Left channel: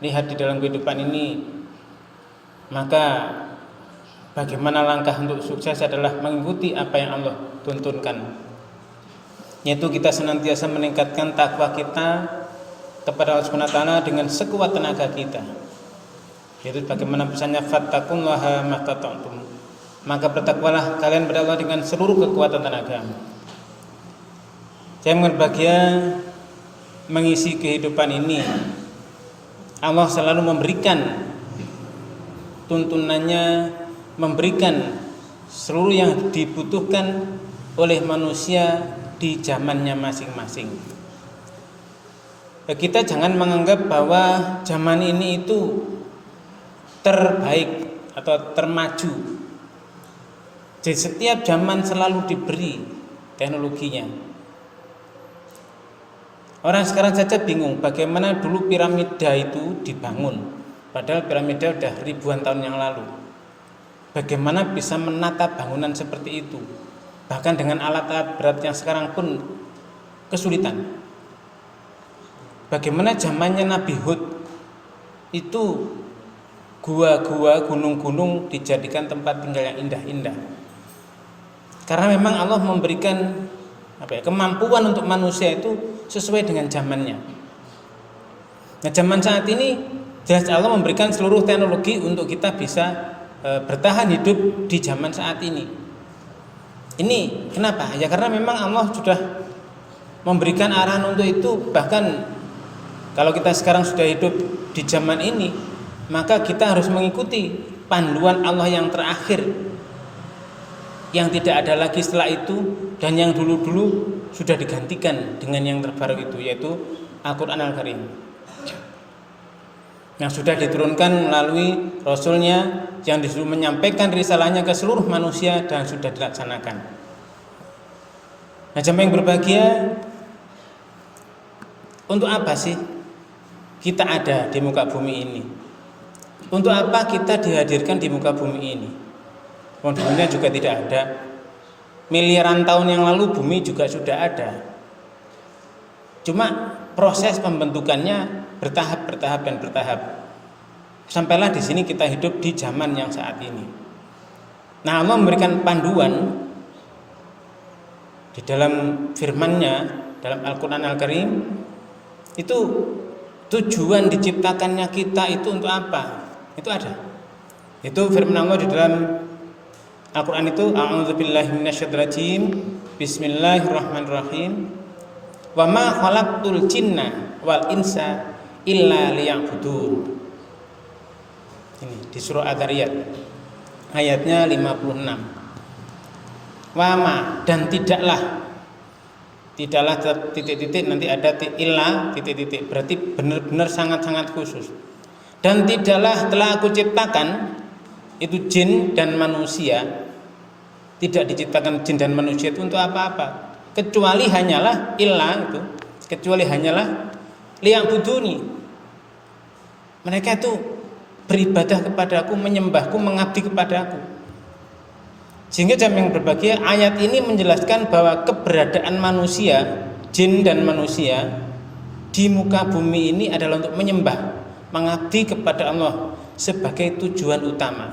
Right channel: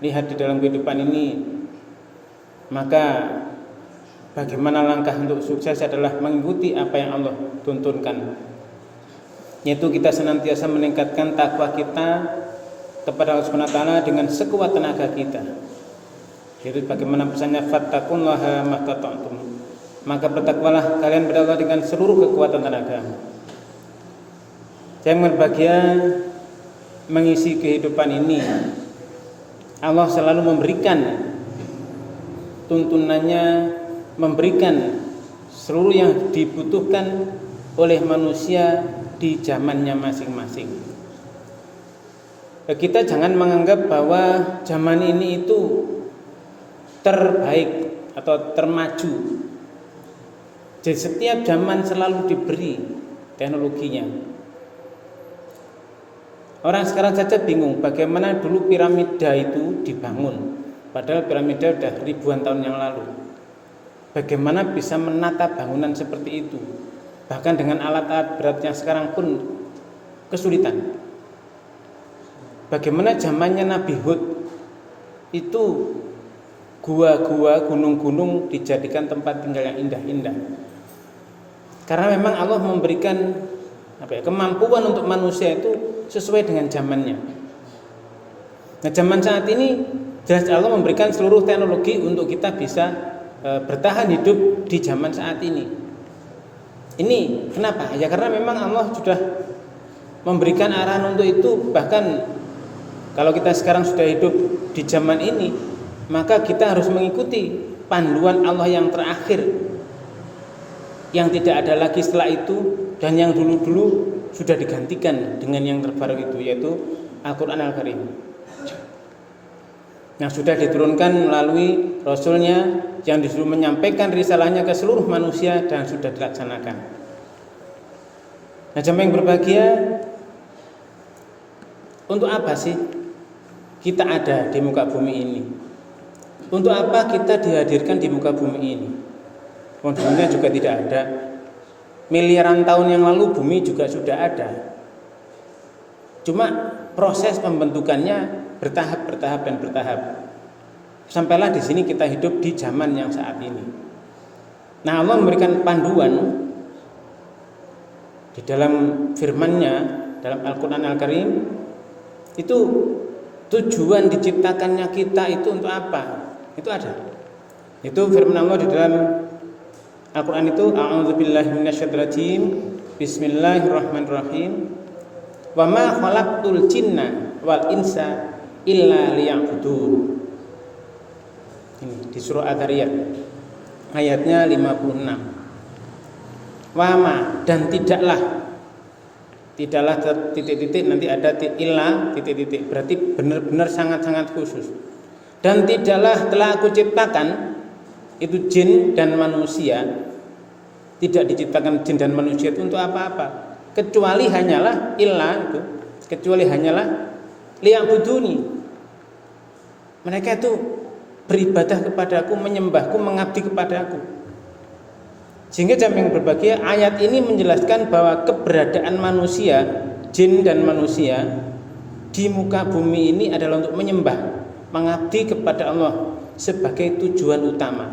lihat di dalam kehidupan ini, maka bagaimana langkah untuk sukses adalah mengikuti apa yang Allah tuntunkan, yaitu kita senantiasa meningkatkan takwa kita kepada Allah Subhanahu wa taala dengan sekuat tenaga kita, yaitu bagaimana pesannya fattaqullaha mastata'tum, maka bertakwalah kalian kepada Allah dengan seluruh kekuatan tenaga. Yang berbahagia mengisi kehidupan ini, Allah selalu memberikan tuntunannya, memberikan seluruh yang dibutuhkan oleh manusia di zamannya masing-masing. Kita jangan menganggap bahwa zaman ini itu terbaik atau termaju. Di setiap zaman selalu diberi teknologinya. Orang sekarang saja bingung bagaimana dulu piramida itu dibangun, padahal piramida sudah ribuan tahun yang lalu. Bagaimana bisa menata bangunan seperti itu, bahkan dengan alat-alat berat yang sekarang pun kesulitan. Bagaimana zamannya Nabi Hud itu gua-gua, gunung-gunung dijadikan tempat tinggal yang indah-indah. Karena memang Allah memberikan kemampuan untuk manusia itu sesuai dengan zamannya. Nah, zaman saat ini jelas Allah memberikan seluruh teknologi untuk kita bisa bertahan hidup di zaman saat ini. Ini kenapa? Ya karena memang Allah sudah memberikan arahan untuk itu. Bahkan kalau kita sekarang sudah hidup di zaman ini, maka kita harus mengikuti panduan Allah yang terakhir, yang tidak ada lagi setelah itu, dan yang dulu-dulu sudah digantikan dengan yang terbaru itu, yaitu Al-Quran Al-Karim, yang sudah diturunkan melalui Rasulnya yang disuruh menyampaikan risalahnya ke seluruh manusia dan sudah dilaksanakan. Nah, jemaah yang berbahagia, untuk apa sih kita ada di muka bumi ini? Untuk apa kita dihadirkan di muka bumi ini? Dunia juga tidak ada. Miliaran tahun yang lalu bumi juga sudah ada. Cuma proses pembentukannya bertahap dan bertahap. Sampailah di sini kita hidup di zaman yang saat ini. Nah, Allah memberikan panduan di dalam firman-Nya dalam Al-Quran Al-Karim, itu tujuan diciptakannya kita itu untuk apa? Itu ada. Itu firman Allah di dalam Al-Quran itu, a'udzubillahi minasyaitonirrajim, bismillahirrahmanirrahim, wa ma khalaqtul jinna wal insa illa liya'budun. Ini di surah Ad-Dariyat ayatnya 56. Wa ma, dan tidaklah titik-titik, nanti ada illa titik-titik, berarti benar-benar sangat-sangat khusus. Dan tidaklah telah aku ciptakan itu jin dan manusia. Tidak diciptakan jin dan manusia itu untuk apa-apa, kecuali hanyalah liya'buduni. Mereka itu beribadah kepadaku, menyembahku, mengabdi kepadaku. Sehingga jemaah yang berbahagia, ayat ini menjelaskan bahwa keberadaan manusia, jin dan manusia di muka bumi ini adalah untuk menyembah, mengabdi kepada Allah sebagai tujuan utama.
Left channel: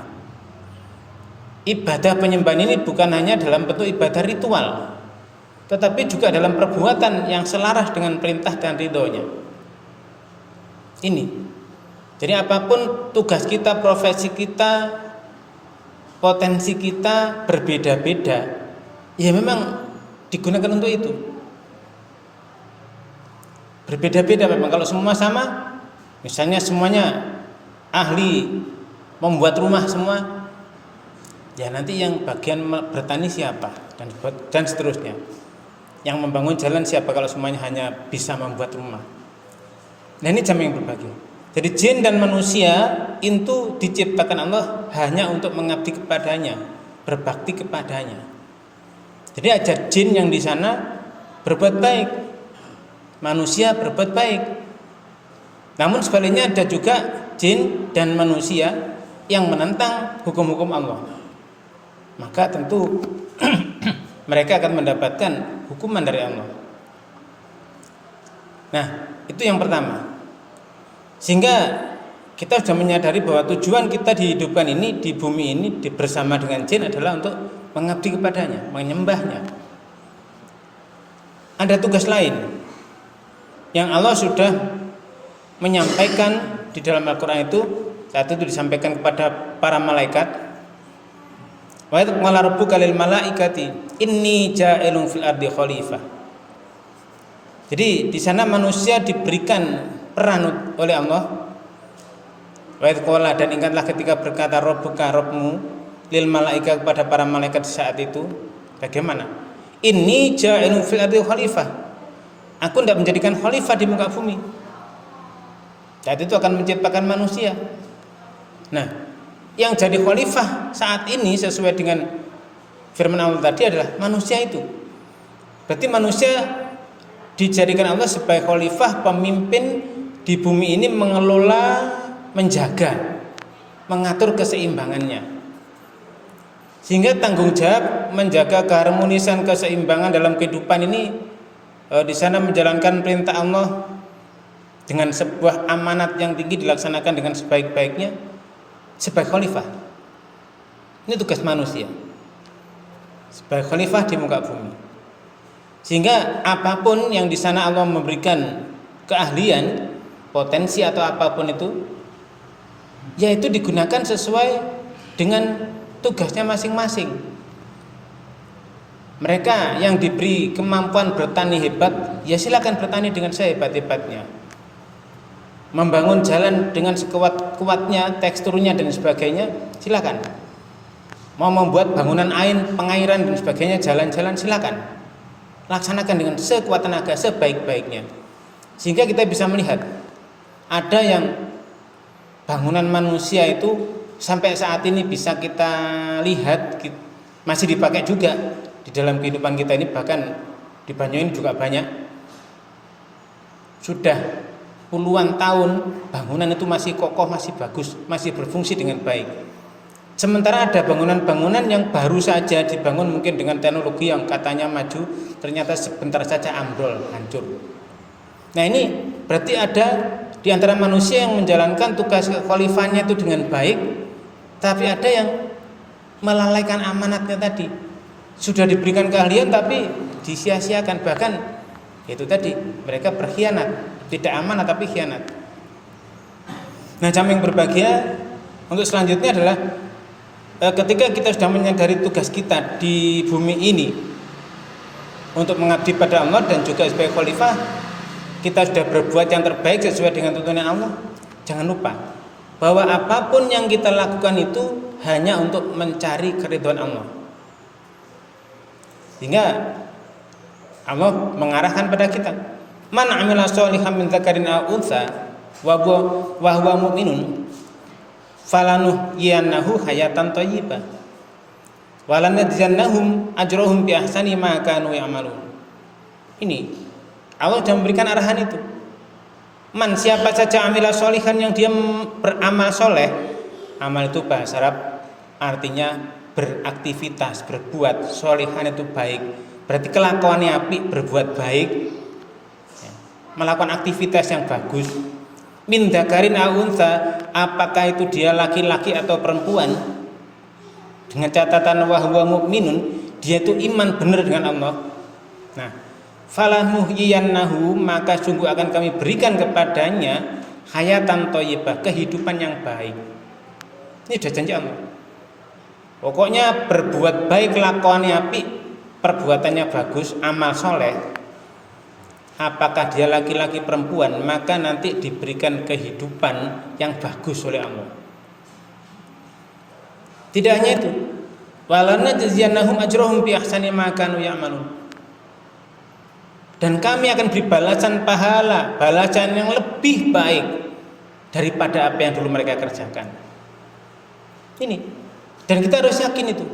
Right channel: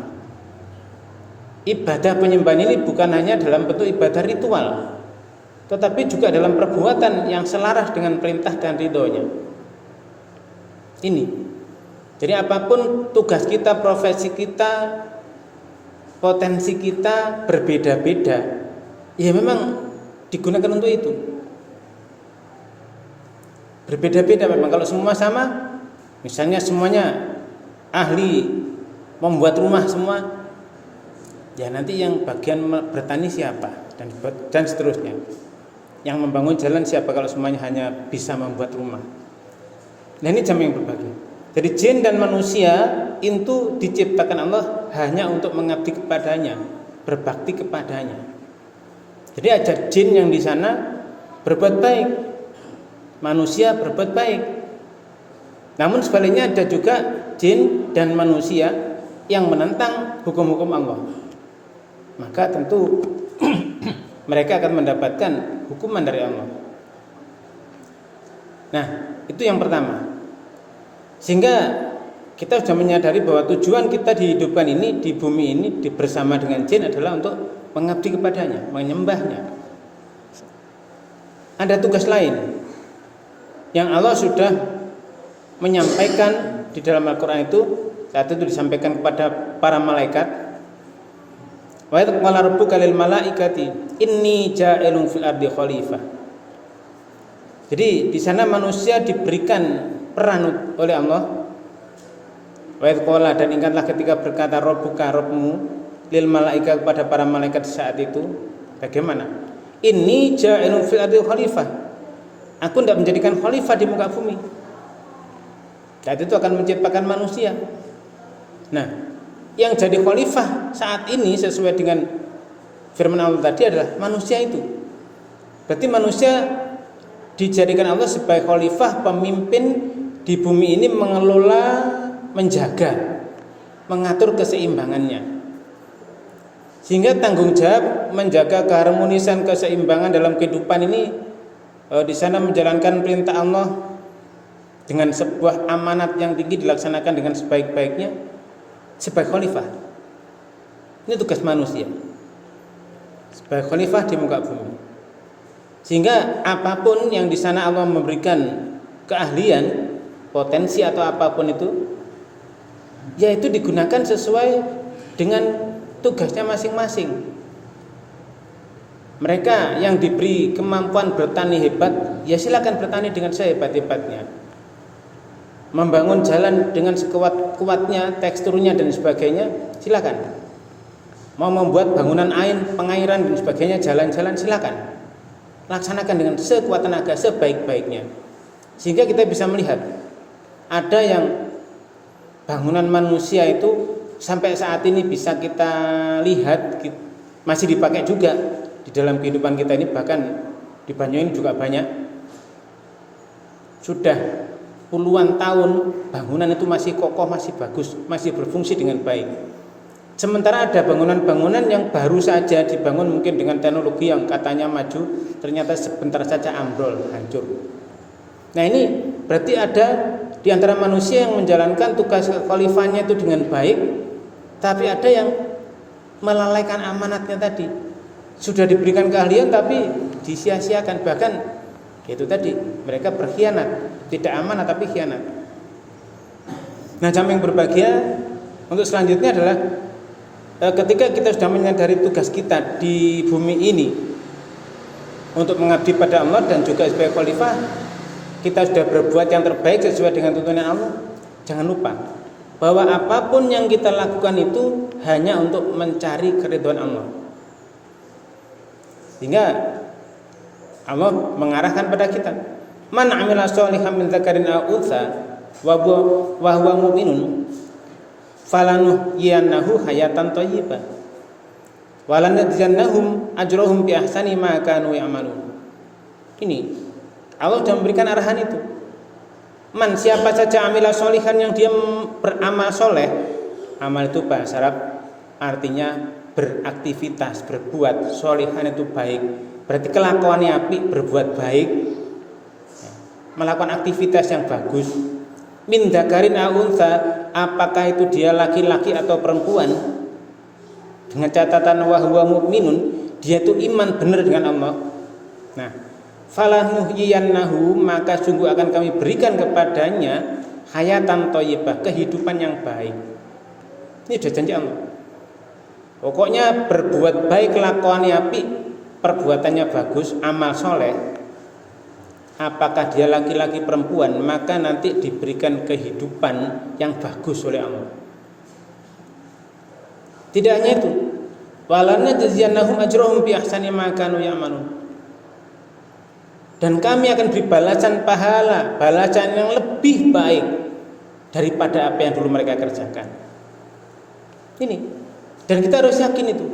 Ibadah penyembahan ini bukan hanya dalam bentuk ibadah ritual, tetapi juga dalam perbuatan yang selaras dengan perintah dan ridhonya. Ini. Jadi apapun tugas kita, profesi kita, potensi kita berbeda-beda, ya memang digunakan untuk itu. Berbeda-beda memang. Kalau semua sama, misalnya semuanya ahli membuat rumah semua, ya nanti yang bagian bertani siapa, dan seterusnya. Yang membangun jalan siapa kalau semuanya hanya bisa membuat rumah. Nah, ini jam yang berbagi. Jadi jin dan manusia itu diciptakan Allah hanya untuk mengabdi kepadanya, berbakti kepadanya. Jadi ada jin yang di sana berbuat baik, manusia berbuat baik. Namun sebaliknya ada juga jin dan manusia yang menentang hukum-hukum Allah. Maka tentu mereka akan mendapatkan hukuman dari Allah. Nah, itu yang pertama. Sehingga kita sudah menyadari bahwa tujuan kita dihidupkan ini di bumi ini bersama dengan jin adalah untuk mengabdi kepadanya, menyembahnya. Ada tugas lain yang Allah sudah menyampaikan di dalam Al-Quran itu. Saat itu disampaikan kepada para malaikat. Wa idh qala rabbuka lil malaikati inni ja'ilun fil ardi khalifah. Jadi di sana manusia diberikan peran oleh Allah. Wa idh qala, dan ingatlah ketika berkata rabbuka, Rabbmu, lil malaika, kepada para malaikat saat itu. Bagaimana? Inni ja'ilun fil ardi khalifah. Aku tidak menjadikan khalifah di muka bumi. Saat itu akan menciptakan manusia. Nah, yang jadi khalifah saat ini sesuai dengan firman Allah tadi adalah manusia itu. Berarti manusia dijadikan Allah sebagai khalifah, pemimpin di bumi ini, mengelola, menjaga, mengatur keseimbangannya. Sehingga tanggung jawab menjaga keharmonisan, keseimbangan dalam kehidupan ini, di sana menjalankan perintah Allah dengan sebuah amanat yang tinggi dilaksanakan dengan sebaik-baiknya sebagai khalifah. Ini tugas manusia sebagai khalifah di muka bumi. Sehingga apapun yang di sana Allah memberikan keahlian, potensi atau apapun itu, yaitu digunakan sesuai dengan tugasnya masing-masing. Mereka yang diberi kemampuan bertani hebat, ya silakan bertani dengan sehebat-hebatnya. Membangun jalan dengan sekuat-kuatnya, teksturnya dan sebagainya, silakan. Mau membuat bangunan pengairan dan sebagainya, jalan-jalan, silakan. Laksanakan dengan sekuat tenaga, sebaik-baiknya. Sehingga kita bisa melihat ada yang bangunan manusia itu sampai saat ini bisa kita lihat masih dipakai juga di dalam kehidupan kita ini. Bahkan di Banyuwangi juga banyak. Sudah puluhan tahun bangunan itu masih kokoh, masih bagus, masih berfungsi dengan baik. Sementara ada bangunan-bangunan yang baru saja dibangun mungkin dengan teknologi yang katanya maju, ternyata sebentar saja ambrol, hancur. Nah, ini berarti ada di antara manusia yang menjalankan tugas khalifahnya itu dengan baik, tapi ada yang melalaikan amanatnya tadi. Sudah diberikan keahlian tapi disia-siakan, bahkan itu tadi mereka berkhianat, tidak amanah tapi khianat. Nah, jamaah yang berbahagia, untuk selanjutnya adalah ketika kita sudah menyadari tugas kita di bumi ini untuk mengabdi pada Allah dan juga sebagai khalifah, kita sudah berbuat yang terbaik sesuai dengan tuntunan Allah. Jangan lupa bahwa apapun yang kita lakukan itu hanya untuk mencari keridhaan Allah. Sehingga Allah mengarahkan pada kita, man amila sholihan min dzakarin aw untha wa huwa mu'minun falanuhyiyannahu hayatan thayyibah wa lanajziyannahum ajrahum bi ahsani ma kanu ya'malun. Ini Allah sudah memberikan arahan itu. Man, siapa saja amila sholihan, yang dia beramal soleh. Amal itu bahasa Arab artinya beraktivitas, berbuat. Sholihan itu baik, berarti kelakuannya apik, berbuat baik, melakukan aktivitas yang bagus. Min dzakarin aw untha, apakah itu dia laki-laki atau perempuan, dengan catatan wa huwa mu'minun, dia itu iman benar dengan Allah. Nah, falanuhyiyannahu, maka sungguh akan kami berikan kepadanya hayatan thayyibah, kehidupan yang baik. Ini sudah janji Allah. Pokoknya berbuat baik, kelakuannya apik, perbuatannya bagus, amal soleh, apakah dia laki-laki perempuan, maka nanti diberikan kehidupan yang bagus oleh Allah. Tidak hanya itu, walanajziyannahum ajrahum bi ahsani ma kanu ya'malun, dan kami akan beri balasan pahala, balasan yang lebih baik daripada apa yang dulu mereka kerjakan. Ini, dan kita harus yakin itu.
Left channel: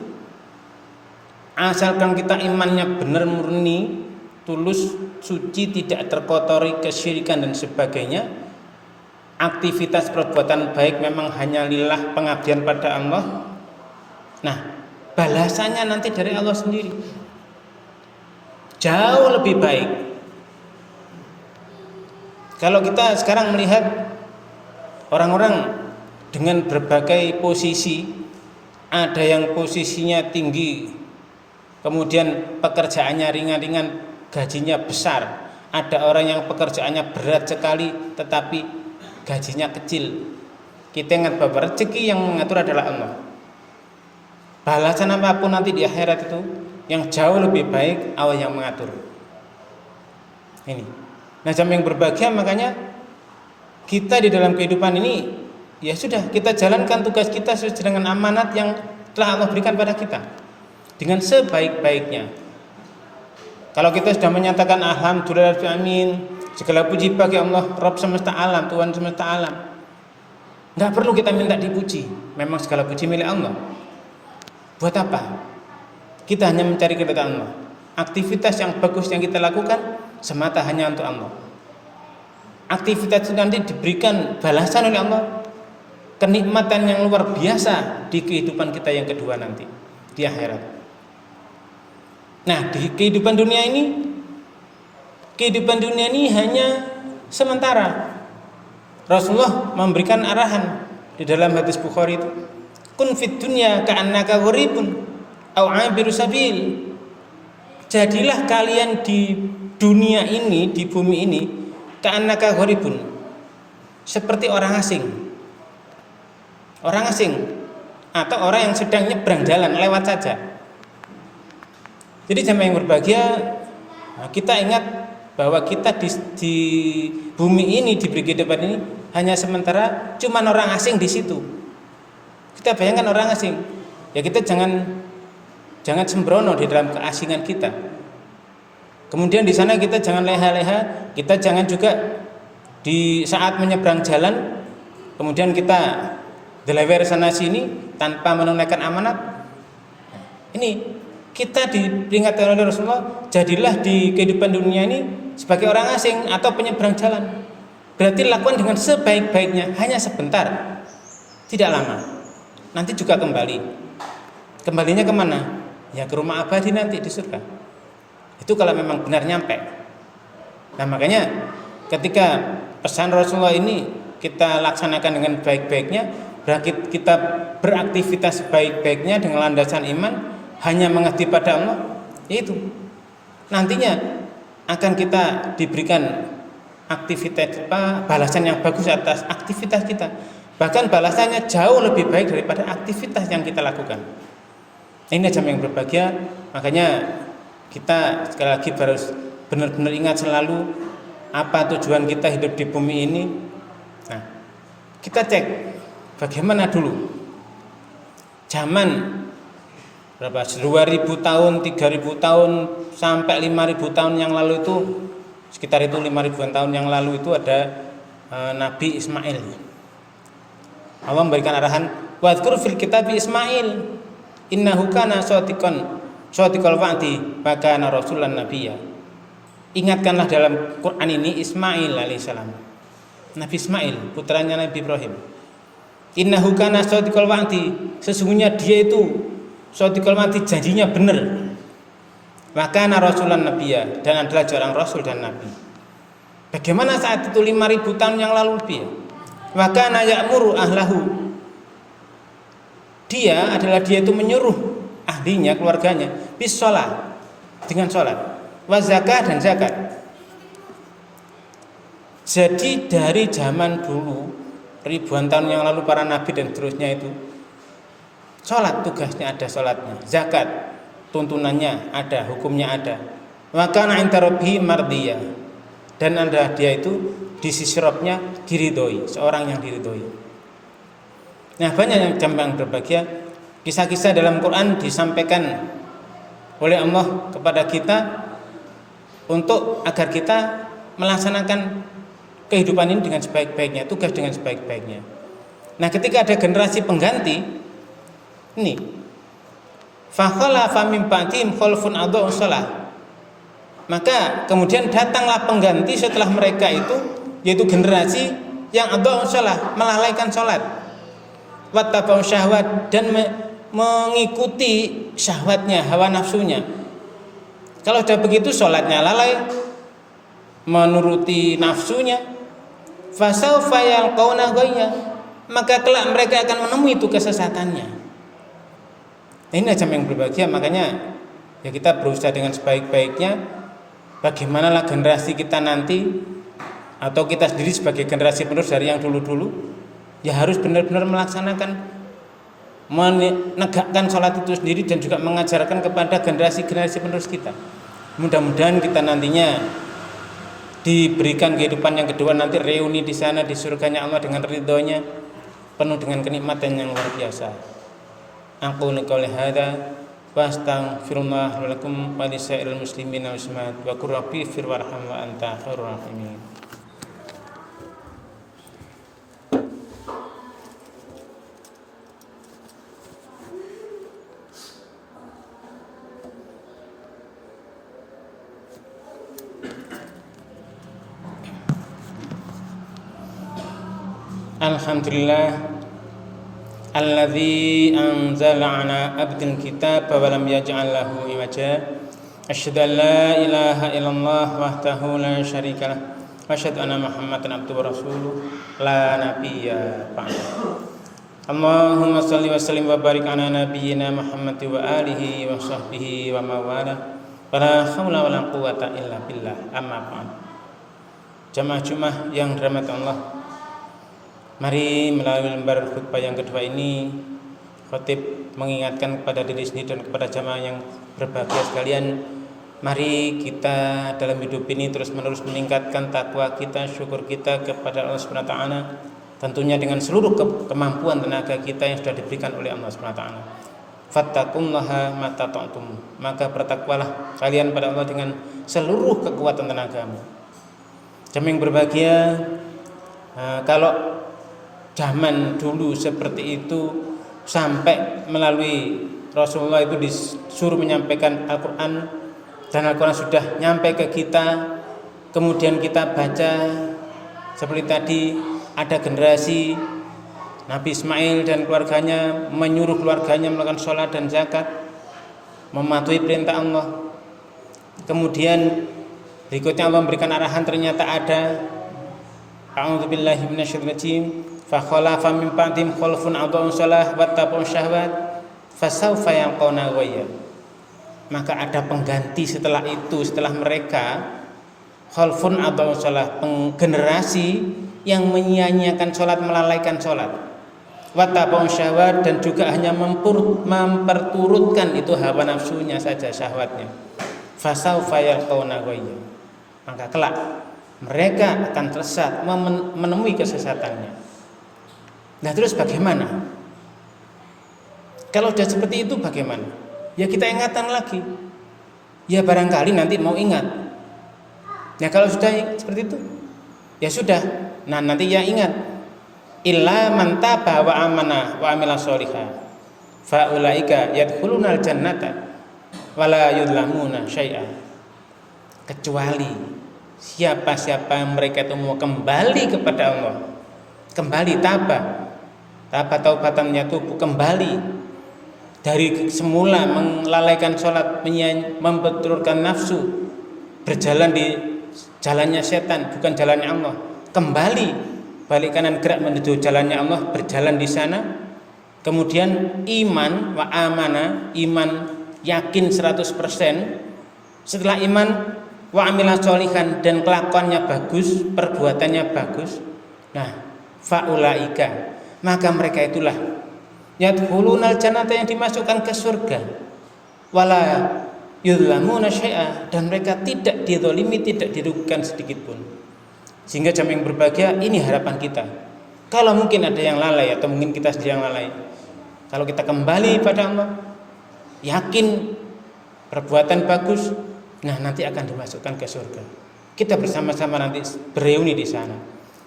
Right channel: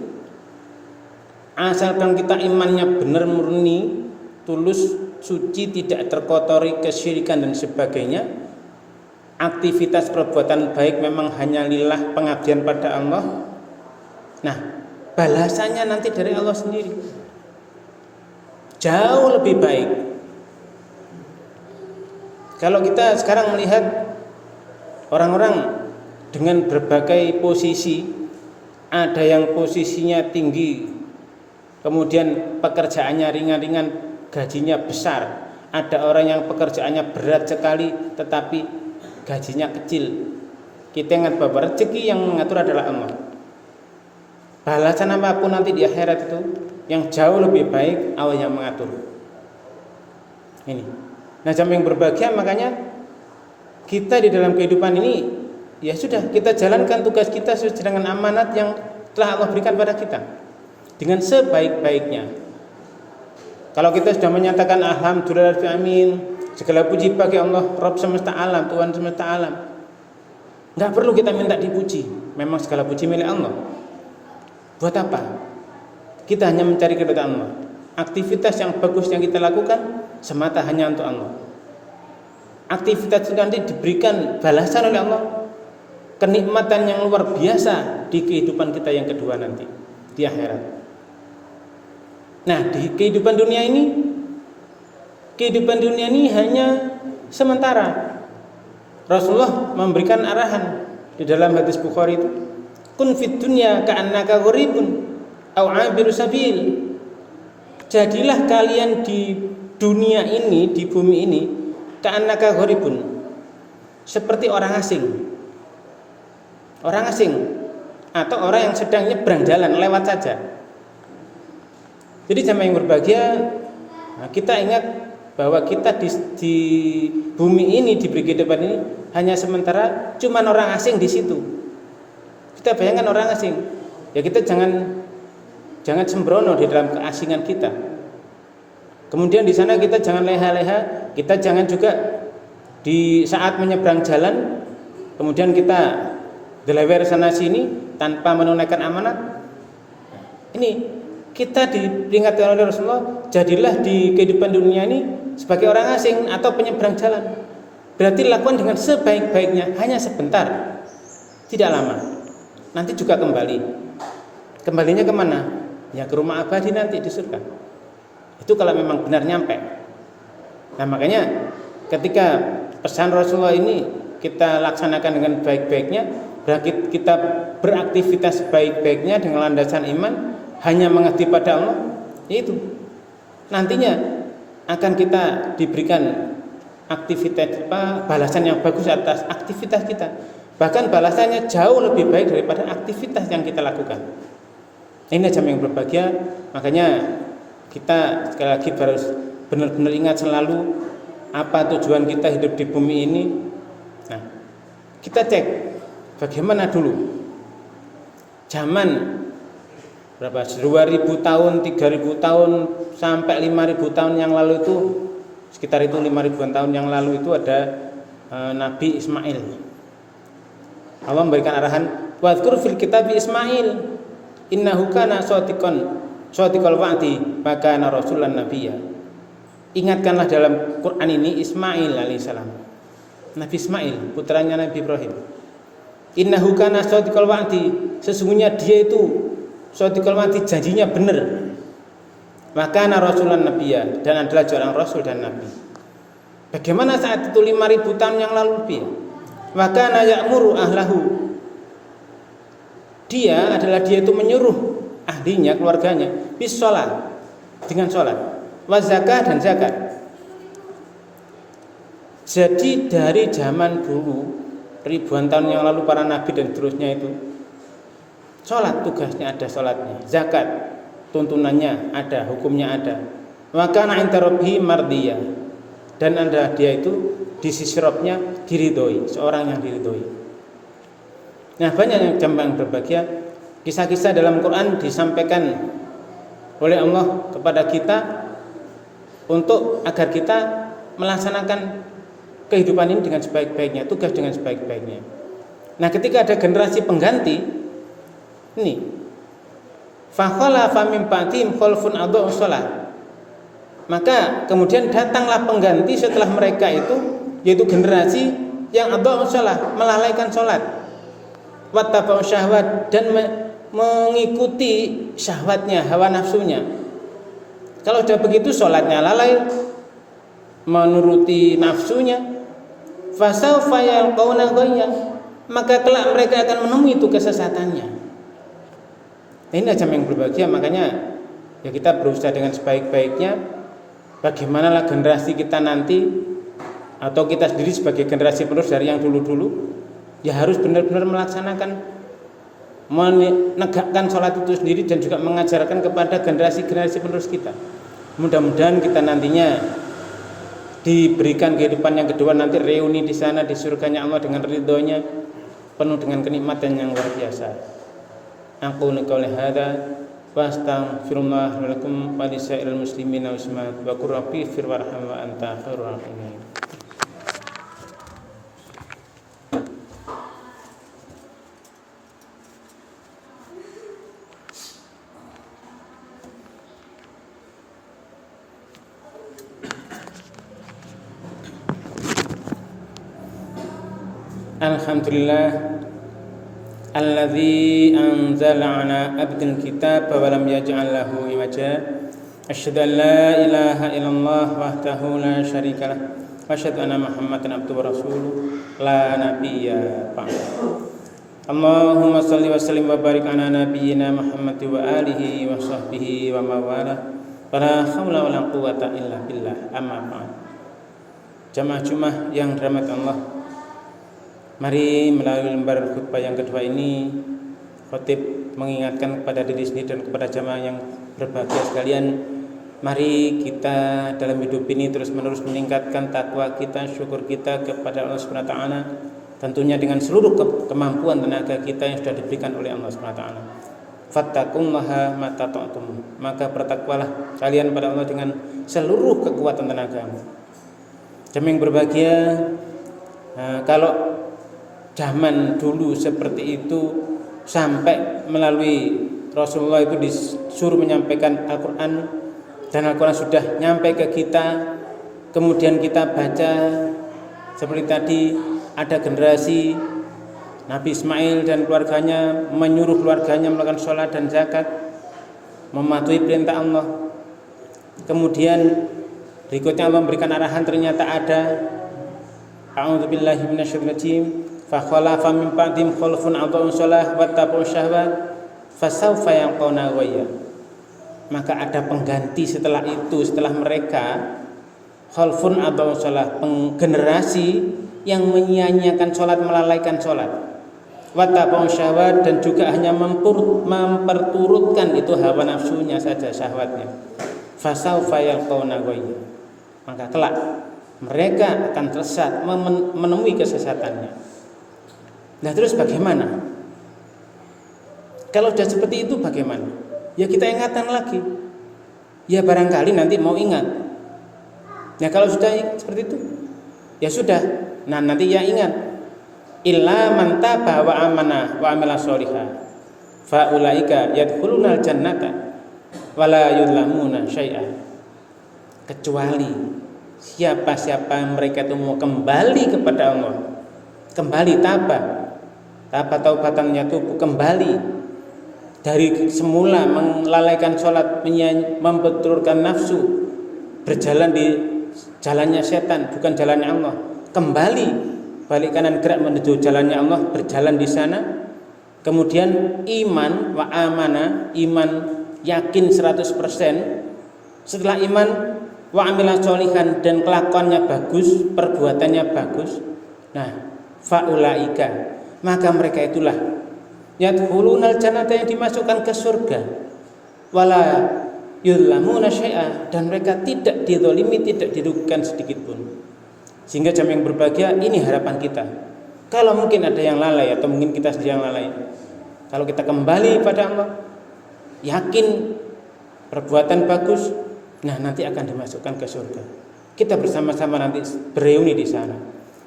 Asalkan kita imannya benar, murni, tulus, suci, tidak terkotori kesyirikan dan sebagainya, aktivitas perbuatan baik memang hanya lillah, pengabdian pada Allah. Nah, balasannya nanti dari Allah sendiri jauh lebih baik. Kalau kita sekarang melihat orang-orang dengan berbagai posisi, ada yang posisinya tinggi, kemudian pekerjaannya ringan-ringan, gajinya besar. Ada orang yang pekerjaannya berat sekali, tetapi gajinya kecil. Kita ingat bahwa rezeki yang mengatur adalah Allah. Balasan apapun nanti di akhirat itu, yang jauh lebih baik Allah yang mengatur. Ini. Nah, jamaah yang berbahagia, makanya kita di dalam kehidupan ini, ya sudah, kita jalankan tugas kita sesuai dengan amanat yang telah Allah berikan pada kita dengan sebaik-baiknya. Kalau kita sudah menyatakan alhamdulillah amin, segala puji bagi Allah, Rabb semesta alam, Tuhan semesta alam, nggak perlu kita minta dipuji. Memang segala puji milik Allah. Buat apa? Kita hanya mencari keridhaan Allah. Aktivitas yang bagus yang kita lakukan semata hanya untuk Allah. Aktivitas itu nanti diberikan balasan oleh Allah, kenikmatan yang luar biasa di kehidupan kita yang kedua nanti di akhirat. Nah, di kehidupan dunia ini hanya sementara. Rasulullah memberikan arahan di dalam hadis Bukhari itu, kun fid dunya ka'annaka gharibun aw 'abiru sabil. Jadilah kalian di dunia ini, di bumi ini, ka'annaka gharibun, seperti orang asing. Orang asing atau orang yang sedang nyebrang jalan, lewat saja. Jadi jamaah yang berbahagia, nah kita ingat bahwa kita di bumi ini, diberi kehidupan ini hanya sementara, cuman orang asing di situ. Kita bayangkan orang asing, ya kita jangan sembrono di dalam keasingan kita. Kemudian di sana kita jangan leha-leha, kita jangan juga di saat menyeberang jalan, kemudian kita delewer sana sini tanpa menunaikan amanat. Ini kita diperingatkan oleh Rasulullah, jadilah di kehidupan dunia ini sebagai orang asing atau penyeberang jalan. Berarti lakukan dengan sebaik-baiknya, hanya sebentar, tidak lama. Nanti juga kembali. Kembalinya kemana? Ya ke rumah abadi nanti di surga. Itu kalau memang benar nyampe. Nah, makanya ketika pesan Rasulullah ini kita laksanakan dengan baik-baiknya, berarti kita beraktivitas baik-baiknya dengan landasan iman, hanya mengabdi pada Allah, itu nantinya akan kita diberikan aktivitas balasan yang bagus atas aktivitas kita. Bahkan balasannya jauh lebih baik daripada aktivitas yang kita lakukan. Ini jam yang berbahagia. Makanya kita sekali lagi harus benar-benar ingat selalu apa tujuan kita hidup di bumi ini. Nah, kita cek bagaimana dulu zaman berapa 2000 tahun, 3000 tahun sampai 5000 tahun yang lalu itu, sekitar itu 5000-an tahun yang lalu itu ada Nabi Ismail. Allah memberikan arahan, wadhkur fil kitab Ismail innahu kana shadiqal wa'di wa kana rasulan nabiyya. Ingatkanlah dalam Quran ini Ismail alaihissalam, Nabi Ismail putranya Nabi Ibrahim. Innahu kana shadiqal wa'di, sesungguhnya dia itu shadiqal wa'di, janjinya benar. Wa kana rasulan nabiyya, dan adalah seorang rasul dan nabi. Bagaimana saat itu 5000 tahun yang lalu lebih? Wa kana ya'muru ahlahu, dia itu menyuruh ahlinya, keluarganya, bis sholat, dengan sholat, wa zakah, dan zakat. Jadi dari zaman dulu, ribuan tahun yang lalu para nabi dan seterusnya itu sholat, tugasnya ada sholatnya, zakat tuntunannya ada, hukumnya ada. Wa kana 'inda rabbih mardiyah, dan anda dia itu di sisi Rabbnya diridhoi, seorang yang diridhoi. Nah, banyak yang jamaah berbahagia, kisah-kisah dalam Quran disampaikan oleh Allah kepada kita untuk agar kita melaksanakan kehidupan ini dengan sebaik-baiknya, tugas dengan sebaik-baiknya. Nah, ketika ada generasi pengganti ini, fakhalafa min ba'dihim khalfun adha'u shalah, maka kemudian datanglah pengganti setelah mereka itu, yaitu generasi yang adha'u shalah, melalaikan salat, wattaba'u syahwat, dan mengikuti syahwatnya, hawa nafsunya. Kalau sudah begitu salatnya lalai, menuruti nafsunya, fasaufa yalqauna ghayya, maka kelak mereka akan menemui itu kesesatannya. Ini aja yang berbahagia. Makanya ya kita berusaha dengan sebaik-baiknya. Bagaimanalah generasi kita nanti atau kita sendiri sebagai generasi penerus dari yang dulu-dulu, ya harus benar-benar melaksanakan, menegakkan sholat itu sendiri dan juga mengajarkan kepada generasi-generasi penerus kita. Mudah-mudahan kita nantinya diberikan kehidupan yang kedua, nanti reuni di sana di surganya Allah dengan ridhonya, penuh dengan kenikmatan yang luar biasa. Aku qouli hadza wa astaghfirullah wa lakum wa lisairil muslimin wal muslimat wa qur rabbi fir warham wa anta khairur rahimin. Alhamdulillah alladzi anzala ala abdil kitab wa lam yaj'al lahu iwaja. Asyhadu an la ilaha illallah wahdahu la syarika lah wa asyhadu anna Muhammadan abduhu wa rasuluh la nabiyya ba'dahu. Allahumma shalli wa sallim wa barik ala nabiyyina Muhammad wa alihi wa sahbihi wa mawala. Wala haula wala quwata illa billah. Amma ba'd. Jamaah Jumat yang dirahmati Allah, mari melalui lembar khutbah yang kedua ini, khatib mengingatkan kepada diri sendiri dan kepada jamaah yang berbahagia sekalian, mari kita dalam hidup ini terus-menerus meningkatkan takwa kita, syukur kita kepada Allah Subhanahu wa taala, tentunya dengan seluruh kemampuan tenaga kita yang sudah diberikan oleh Allah Subhanahu wa taala. Fattaqullaha mastata'tum, maka bertakwalah kalian pada Allah dengan seluruh kekuatan tenagamu. Jamaah yang berbahagia, kalau zaman dulu seperti itu, sampai melalui Rasulullah itu disuruh menyampaikan Al-Quran, dan Al-Quran sudah nyampe ke kita, kemudian kita baca seperti tadi, ada generasi Nabi Ismail dan keluarganya menyuruh keluarganya melakukan sholat dan zakat, mematuhi perintah Allah. Kemudian berikutnya Allah memberikan arahan, ternyata ada a'udzubillahi minasyaitonir rajim, fa khalafa min ba'dihim khalfun adha'u shalah wattaba'u syahwat fasawfa yalqauna ghayya. Maka ada pengganti setelah itu, setelah mereka, khalfun adha'u shalah, generasi yang menyia-nyiakan sholat, melalaikan sholat, wattaba'u syahwat, dan juga hanya memperturutkan itu hawa nafsunya saja, syahwatnya. Fasawfa yalqauna ghayya, maka kelak mereka akan tersesat, menemui kesesatannya. Nah terus bagaimana? Kalau sudah seperti itu bagaimana? Ya kita ingatkan lagi. Ya barangkali nanti mau ingat. Ya kalau sudah seperti itu, ya sudah. Nah nanti ya ingat. Illa man taba wa amana wa amila sholihah fa ulaika yadkhulunal jannata wa la yudlamuna syai'a. Kecuali siapa-siapa mereka itu mau kembali kepada Allah, kembali taubatannya itu kembali dari semula melalaikan sholat, membenturkan nafsu, berjalan di jalannya setan, bukan jalannya Allah, kembali balik kanan gerak menuju jalannya Allah, berjalan di sana. Kemudian iman wa amana, iman yakin 100%. Setelah iman wa amila sholihan, dan kelakuannya bagus, perbuatannya bagus. Nah, faulaika, maka mereka itulah yadkhulunal jannata, yang dimasukkan ke surga, wala yudlamuna syai'a, dan mereka tidak dizalimi, tidak dirugikan sedikit pun. Sehingga jamaah yang berbahagia, ini harapan kita. Kalau mungkin ada yang lalai atau mungkin kita sendiri yang lalai, kalau kita kembali pada Allah, yakin perbuatan bagus, nah nanti akan dimasukkan ke surga. Kita bersama-sama nanti bereuni di sana.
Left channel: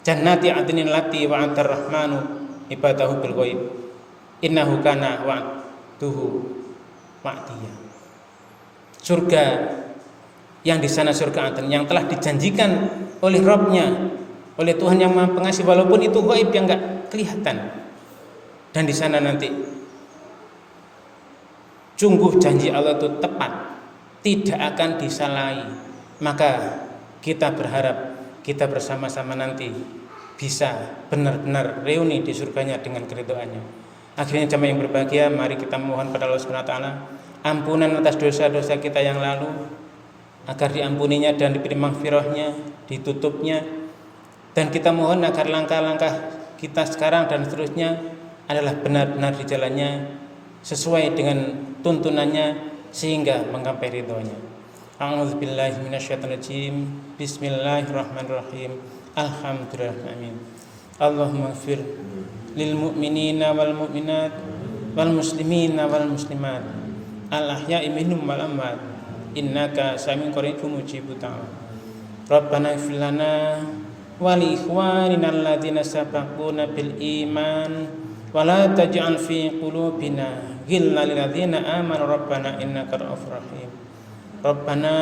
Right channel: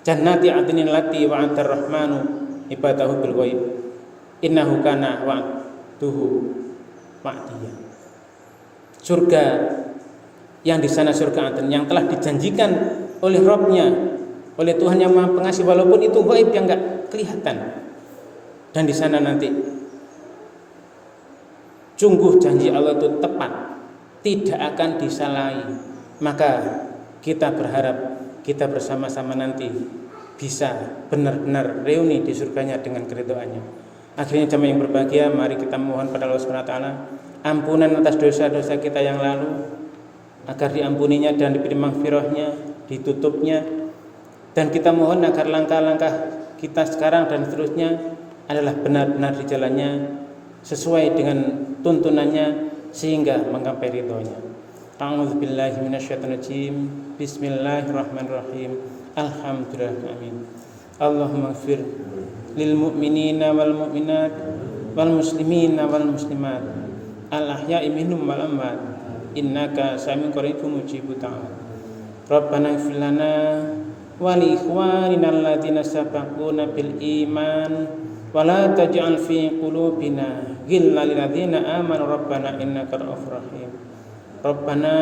Jannati adnin lati wa'atar rahmanu ibadahu bil ghaib innahu kana wa'duhu ma'diya. Surga yang di sana, surga Aden yang telah dijanjikan oleh Rabb-Nya, oleh Tuhan yang Maha Pengasih, walaupun itu ghaib yang enggak kelihatan. Dan di sana nanti sungguh janji Allah itu tepat, tidak akan disalahi. Maka kita berharap kita bersama-sama nanti bisa benar-benar reuni di surganya dengan keridhaannya. Akhirnya jamaah yang berbahagia, mari kita mohon pada Allah Subhanahu wa taala ampunan atas dosa-dosa kita yang lalu, agar diampuninya dan diberi maghfirahnya, ditutupnya, dan kita mohon agar langkah-langkah kita sekarang dan seterusnya adalah benar-benar di jalannya sesuai dengan tuntunannya sehingga menggapai ridhonya. A'udzubillahi minasyaitonirrajim. Bismillahirrahmanirrahim. Alhamdulillahirabbil. Allahumma ighfir lil mu'minina wal mu'minat wal muslimina wal muslimat al ahya'i minhum wal amwat innaka sami'un qaribun mujibud da'wat. Rabbana ighfir lana wa li ikhwanina alladziina sabaquna bil iman wa la taj'al fi qulubina ghillan lil ladziina amanu rabbana innaka ra'ufur rahim. Rabbana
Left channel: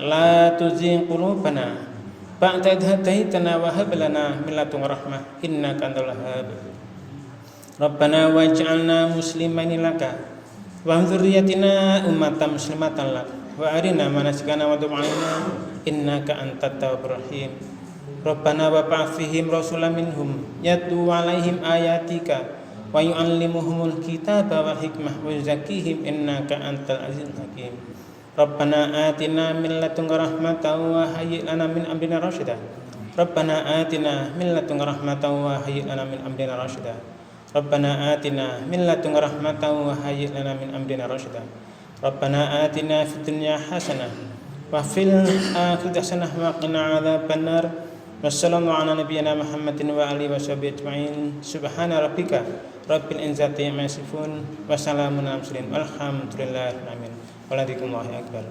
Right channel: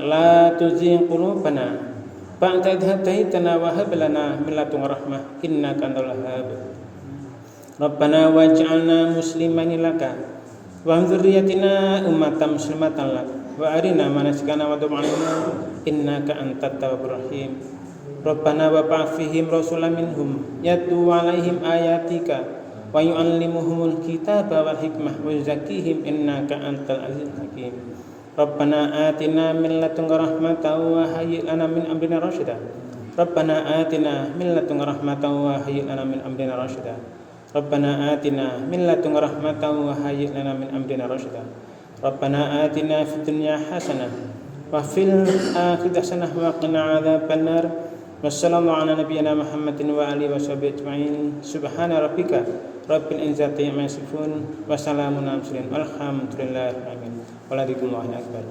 la tuzigh qulubana ba'da idh hadaitana wa hab lana min ladunka rahmah innaka antal wahhab. Rabbana waj'alna muslimaini laka wa min dzurriyyatina ummatan muslimatan lak wa arina manasikana wa tub 'alaina innaka antat tawwabur rahim. Rabbana wa ba'ath fihim rasulan minhum yatlu 'alaihim ayatika wa yu'allimuhumul kitaba wal hikmah wa yuzakkihim innaka antal azizul hakim. Rabbana atina min ladunka rahmatan wa hayyi' lana min amrina rasyida. Rabbana atina min ladunka rahmatan wa hayyi' lana min amrina rasyida. Rabbana atina min ladunka rahmatan wa hayyi' lana min amrina rasyida. Rabbana atina fid dunya hasanah wa fil akhirati hasanah wa qina adzabannar. Wassalamu ala nabiyyina Muhammadin wa alihi washabihi ajma'in. Subhana rabbika rabbil izzati amma yasifun wa salamun alal mursalin. Alhamdulillahi rabbil alamin. Walhamdulillahi akbar.